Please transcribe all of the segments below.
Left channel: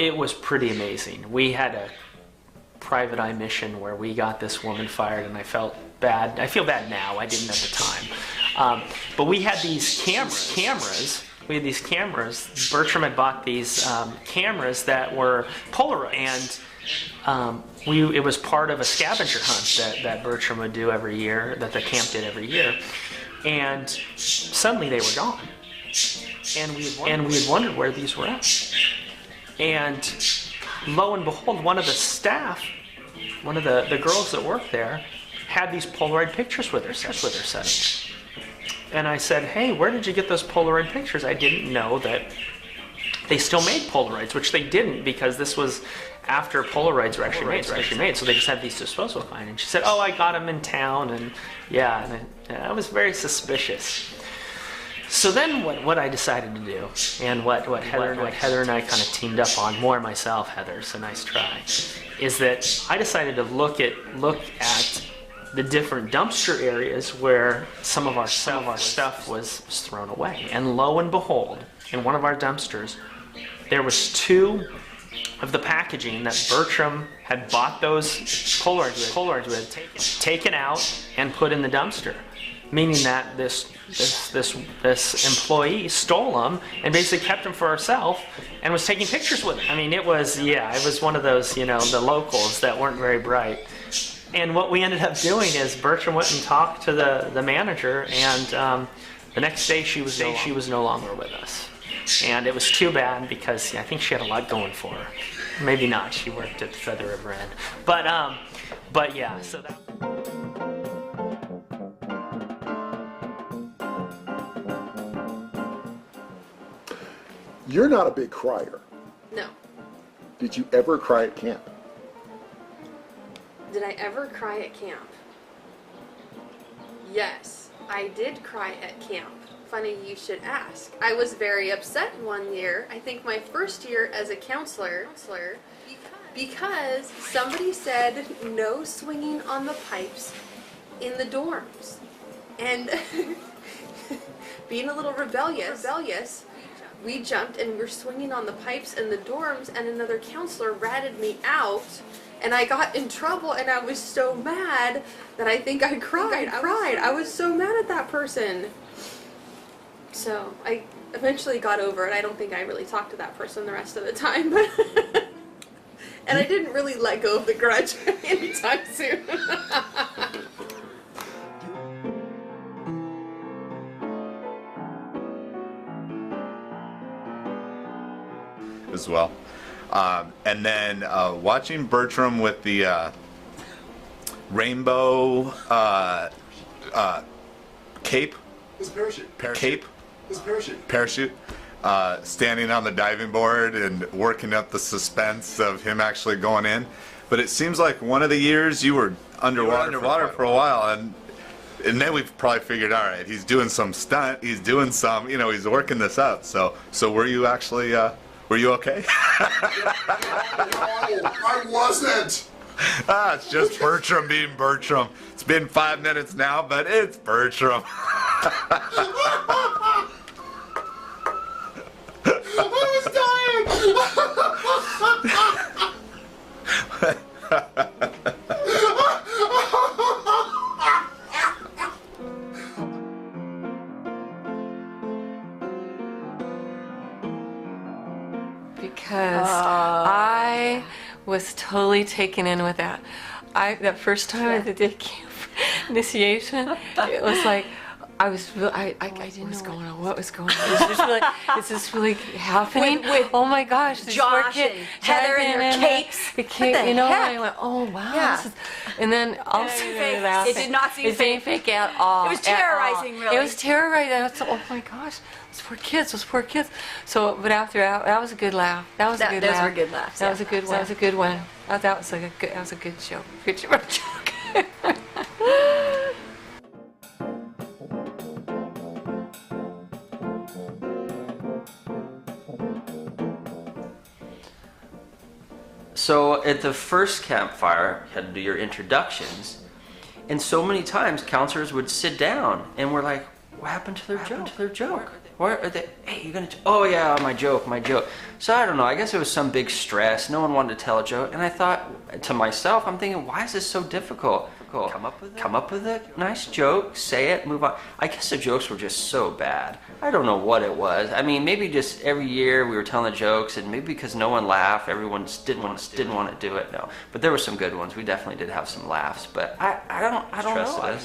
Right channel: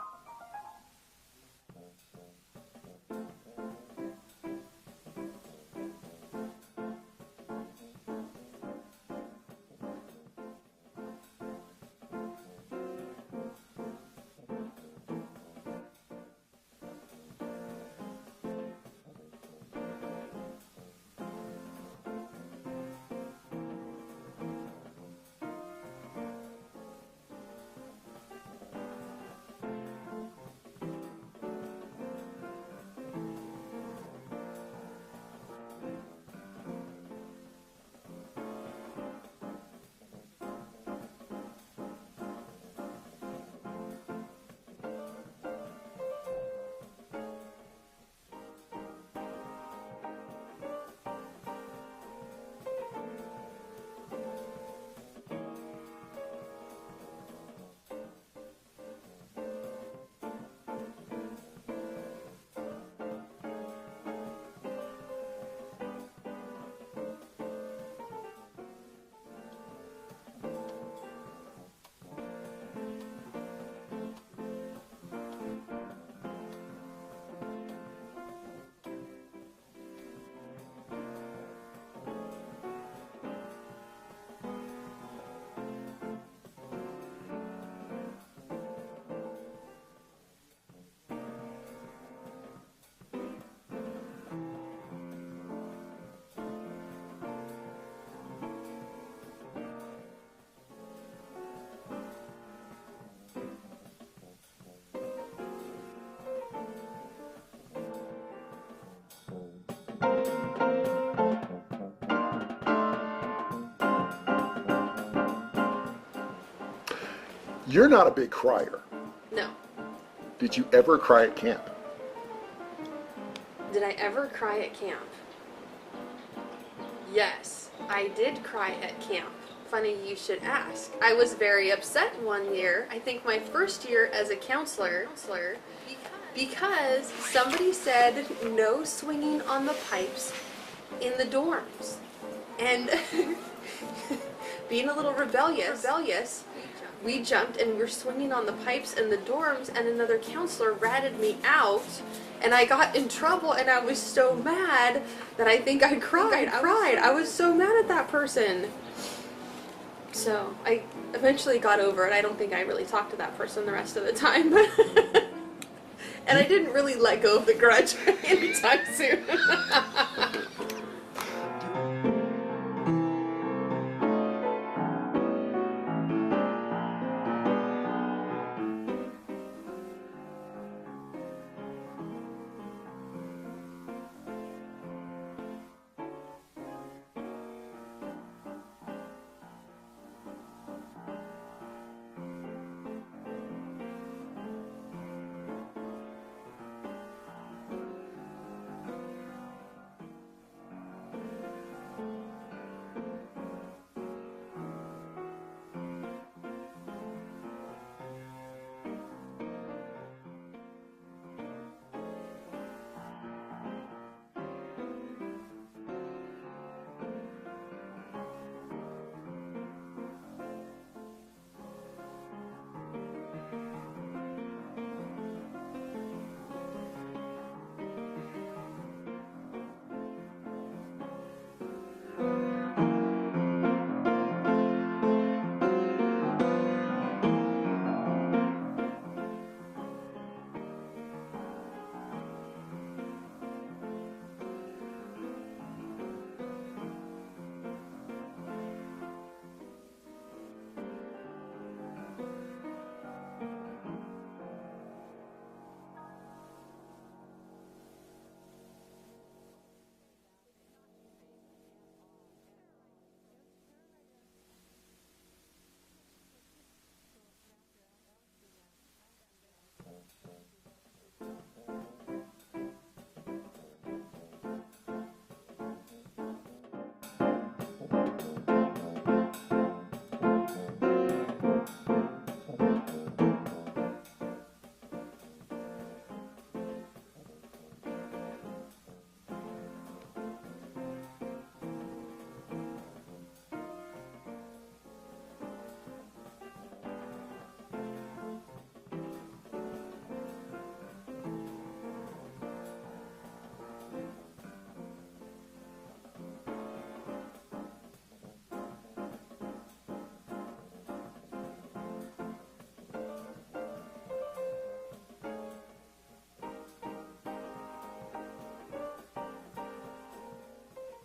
It was pretty amazing. We had a private eye mission where we got this woman fired, and I felt bad. I feel bad now. I didn't at the time. But we had these cameras. We had these cameras. Bertram had bought these cameras that were Polaroid, and it was part of a scavenger hunt that Bertram would do every year, that the camp did every year. And suddenly they were gone, and we had wondered where these were at. And lo and behold, one of the staff, one of the girls that worked there, had these Polaroid pictures with her set. And I said, hey, where did you get those Polaroid pictures? I didn't know that they still made Polaroids, which they didn't, because this was after Polaroids were actually made. So they just had these disposable fine. And she said, oh, I got them in town, and yeah, and I was very suspicious. So then what I decided to do, and what Heather and I kind of teamed up on, more myself, Heather, so nice try, is that I decided to look at the different dumpster areas where some of our stuff was thrown away. And lo and behold, in one of our dumpsters, there was 2 of the packaging that Bertram had bought those Polaroids with, taken out and put in the dumpster, meaning that this employee stole them and basically kept them for herself and was taking pictures with them. I mean, it was one of those, the locals that weren't very bright. And what we ended up doing is Bertram went and talked to the manager, and the next day she was no longer with us. And it was too bad, because I think she had a lot going for her. Maybe not. She worked at Feather River End. But yeah. So that. You're not a big crier. No. Did you ever cry at camp? Did I ever cry at camp? Yes, I did cry at camp. Funny you should ask. I was very upset one year, I think my first year as a counselor, because somebody said no swinging on the pipes in the dorms. And being a little rebellious, we jumped and we were swinging on the pipes in the dorms, and another counselor ratted me out, and I got in trouble, and I was so mad that I think I cried. I was so mad at that person. So I eventually got over it. I don't think I really talked to that person the rest of the time, but and I didn't really let go of the grudge anytime soon. As well. And then watching Bertram with the rainbow cape, parachute, standing on the diving board and working up the suspense of him actually going in. But it seems like one of the years you were underwater for a while, and then we've probably figured, all right, he's doing some stunt, he's doing some, he's working this up. So were you actually, were you okay? No, I wasn't. It's just Bertram being Bertram. It's been 5 minutes now, but it's Bertram. I was dying. Because I was totally taken in with that. That first time I did camp initiation, it was like I didn't know what's going on. What was going on? Is this really happening? With oh my gosh! Josh and Heather and their capes. And I went, oh wow. Yeah. And then all of a sudden it did not seem it didn't fake at all. It was terrorizing, really. It was terrorizing. I was oh my gosh, those poor kids. So, but after that was a good laugh. That was a good laugh. Those were good laughs. That was a good one. That was a good one. That was like that was a good show. Good joke. So at the first campfire, you had to do your introductions, and so many times counselors would sit down and we're like, what happened to their joke? Where are they? Hey, you gonna? Oh yeah, my joke. So I don't know. I guess it was some big stress. No one wanted to tell a joke, and I thought to myself, I'm thinking, why is this so difficult? Come up with a nice joke, say it, move on. I guess the jokes were just so bad. I don't know what it was. I mean, maybe just every year we were telling the jokes, and maybe because no one laughed, everyone just didn't want to do it. No, but there were some good ones. We definitely did have some laughs, but I don't know.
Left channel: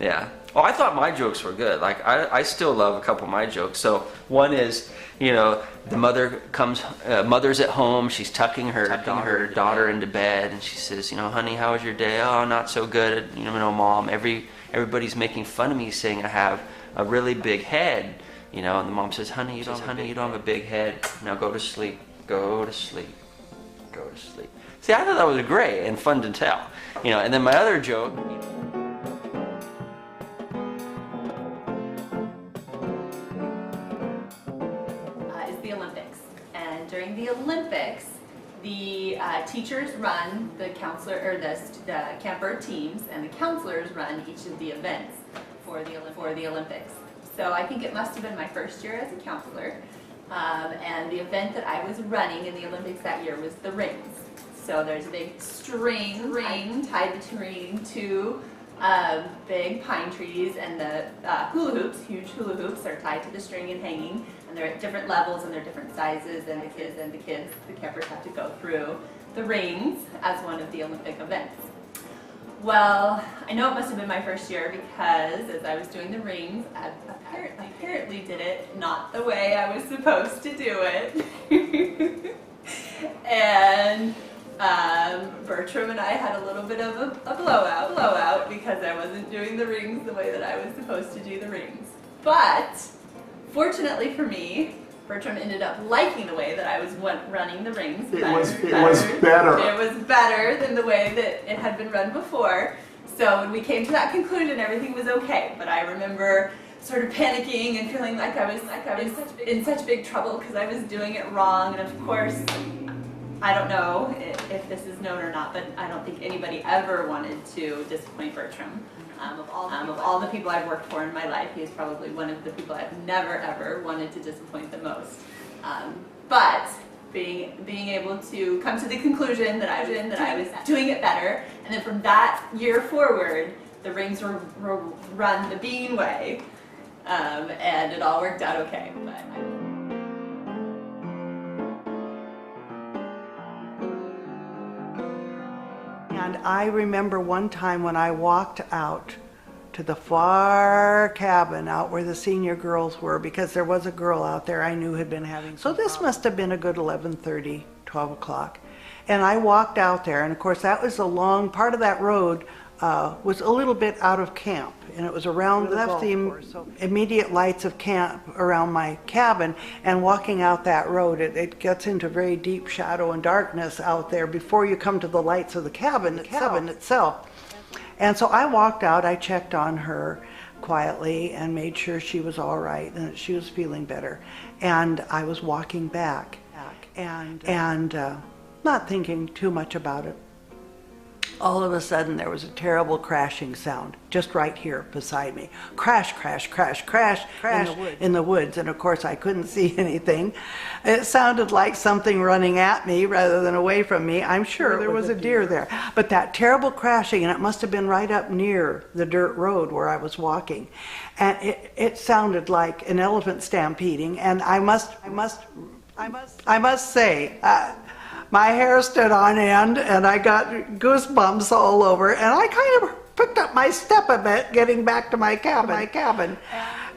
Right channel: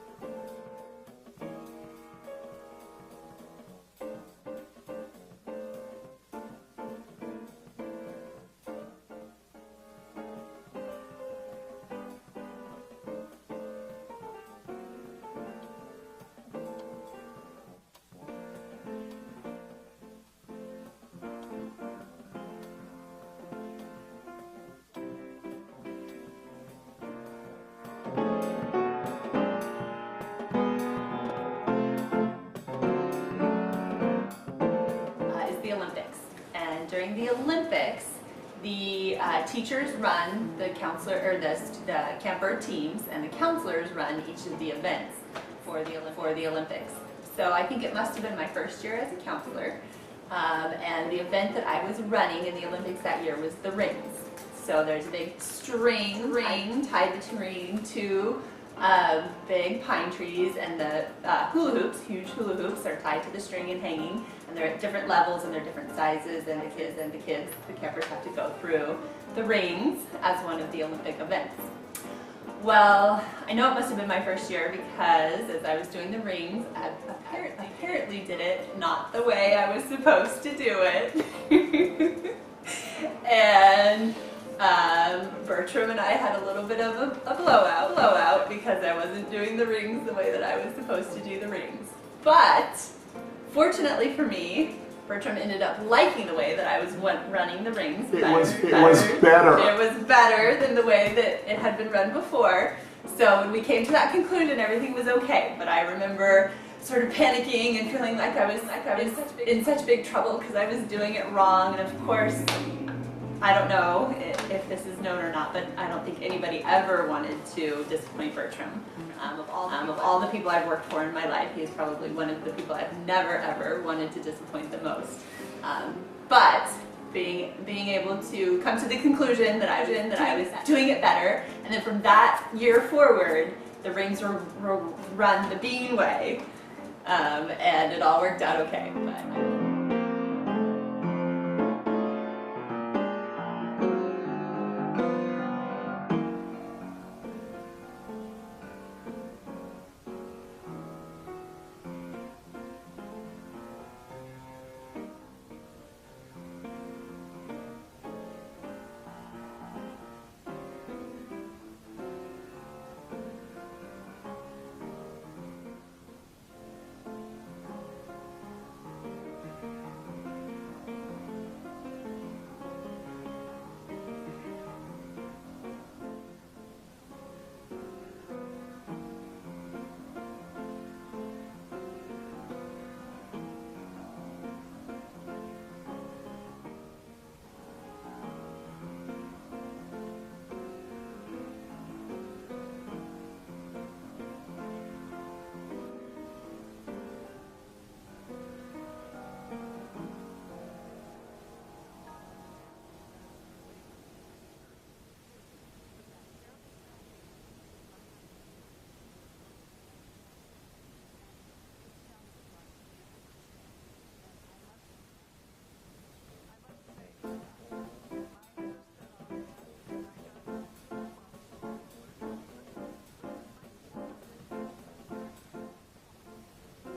Yeah. Oh, I thought my jokes were good. Like, I still love a couple of my jokes. So one is, you know, the mother comes, mother's at home, she's tucking her daughter into bed, and she says, you know, honey, how was your day? Oh, not so good. You know, mom, everybody's making fun of me saying I have a really big head. You know, and the mom says, honey, you don't have a big head. Now go to sleep. Go to sleep. Go to sleep. See, I thought that was great and fun to tell. You know, and then my other joke. During the Olympics, the teachers run the counselor or the Camp Bird teams, and the counselors run each of the events for the Olympics. So I think it must have been my first year as a counselor, and the event that I was running in the Olympics that year was the rings. So there's a big ring tied between two big pine trees, and the hula hoops, huge hula hoops, are tied to the string and hanging, and they're at different levels and they're different sizes, and the campers have to go through the rings as one of the Olympic events. Well, I know it must have been my first year because as I was doing the rings, I apparently did it not the way I was supposed to do it. And Bertram and I had a little bit of a blowout because I wasn't doing the rings the way that I was supposed to do the rings. But fortunately for me, Bertram ended up liking the way that I was running the rings. It was better. It was better than the way that it had been run before. So when we came to that conclusion, everything was okay. But I remember sort of panicking and feeling like I was in such big trouble because I was doing it wrong. And of course, I don't know if this is known or not, but I don't think anybody ever wanted to disappoint Bertram. Of all the people I've worked for in my life, he is probably one of the people I've never ever wanted to disappoint the most. But being able to come to the conclusion that I was doing it better, and then from that year forward, the rings were run the Bean way, and it all worked out okay. I remember one time when I walked out to the far cabin out where the senior girls were, because there was a girl out there I knew had been having. So this must have been a good 11:30, 12 o'clock. And I walked out there, and of course that was a long part of that road was a little bit out of camp, and it was around the immediate lights of camp around my cabin, and walking out that road, it gets into very deep shadow and darkness out there before you come to the lights of the cabin itself. And so I walked out, I checked on her quietly and made sure she was all right and that she was feeling better. And I was walking back and not thinking too much about it. All of a sudden there was a terrible crashing sound just right here beside me. Crash, crash, crash, crash, crash in the woods. And of course I couldn't see anything. It sounded like something running at me rather than away from me. I'm sure there was a deer there. But that terrible crashing, and it must have been right up near the dirt road where I was walking. And it sounded like an elephant stampeding. And I must say, my hair stood on end and I got goosebumps all over, and I kind of picked up my step a bit getting back to my cabin.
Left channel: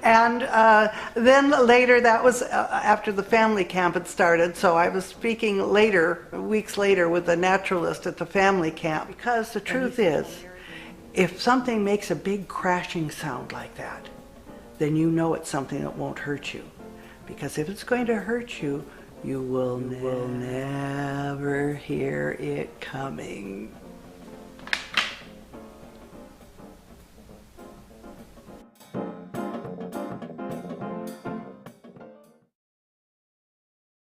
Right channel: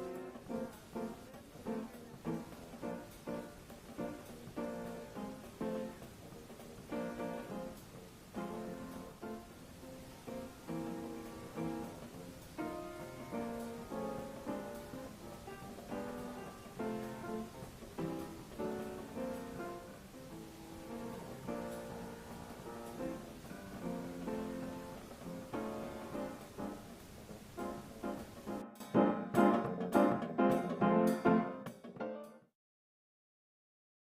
And then later, that was after the family camp had started, so I was speaking later, weeks later, with a naturalist at the family camp, because the truth is, if something makes a big crashing sound like that, then you know it's something that won't hurt you. Because if it's going to hurt you, you will never hear it coming.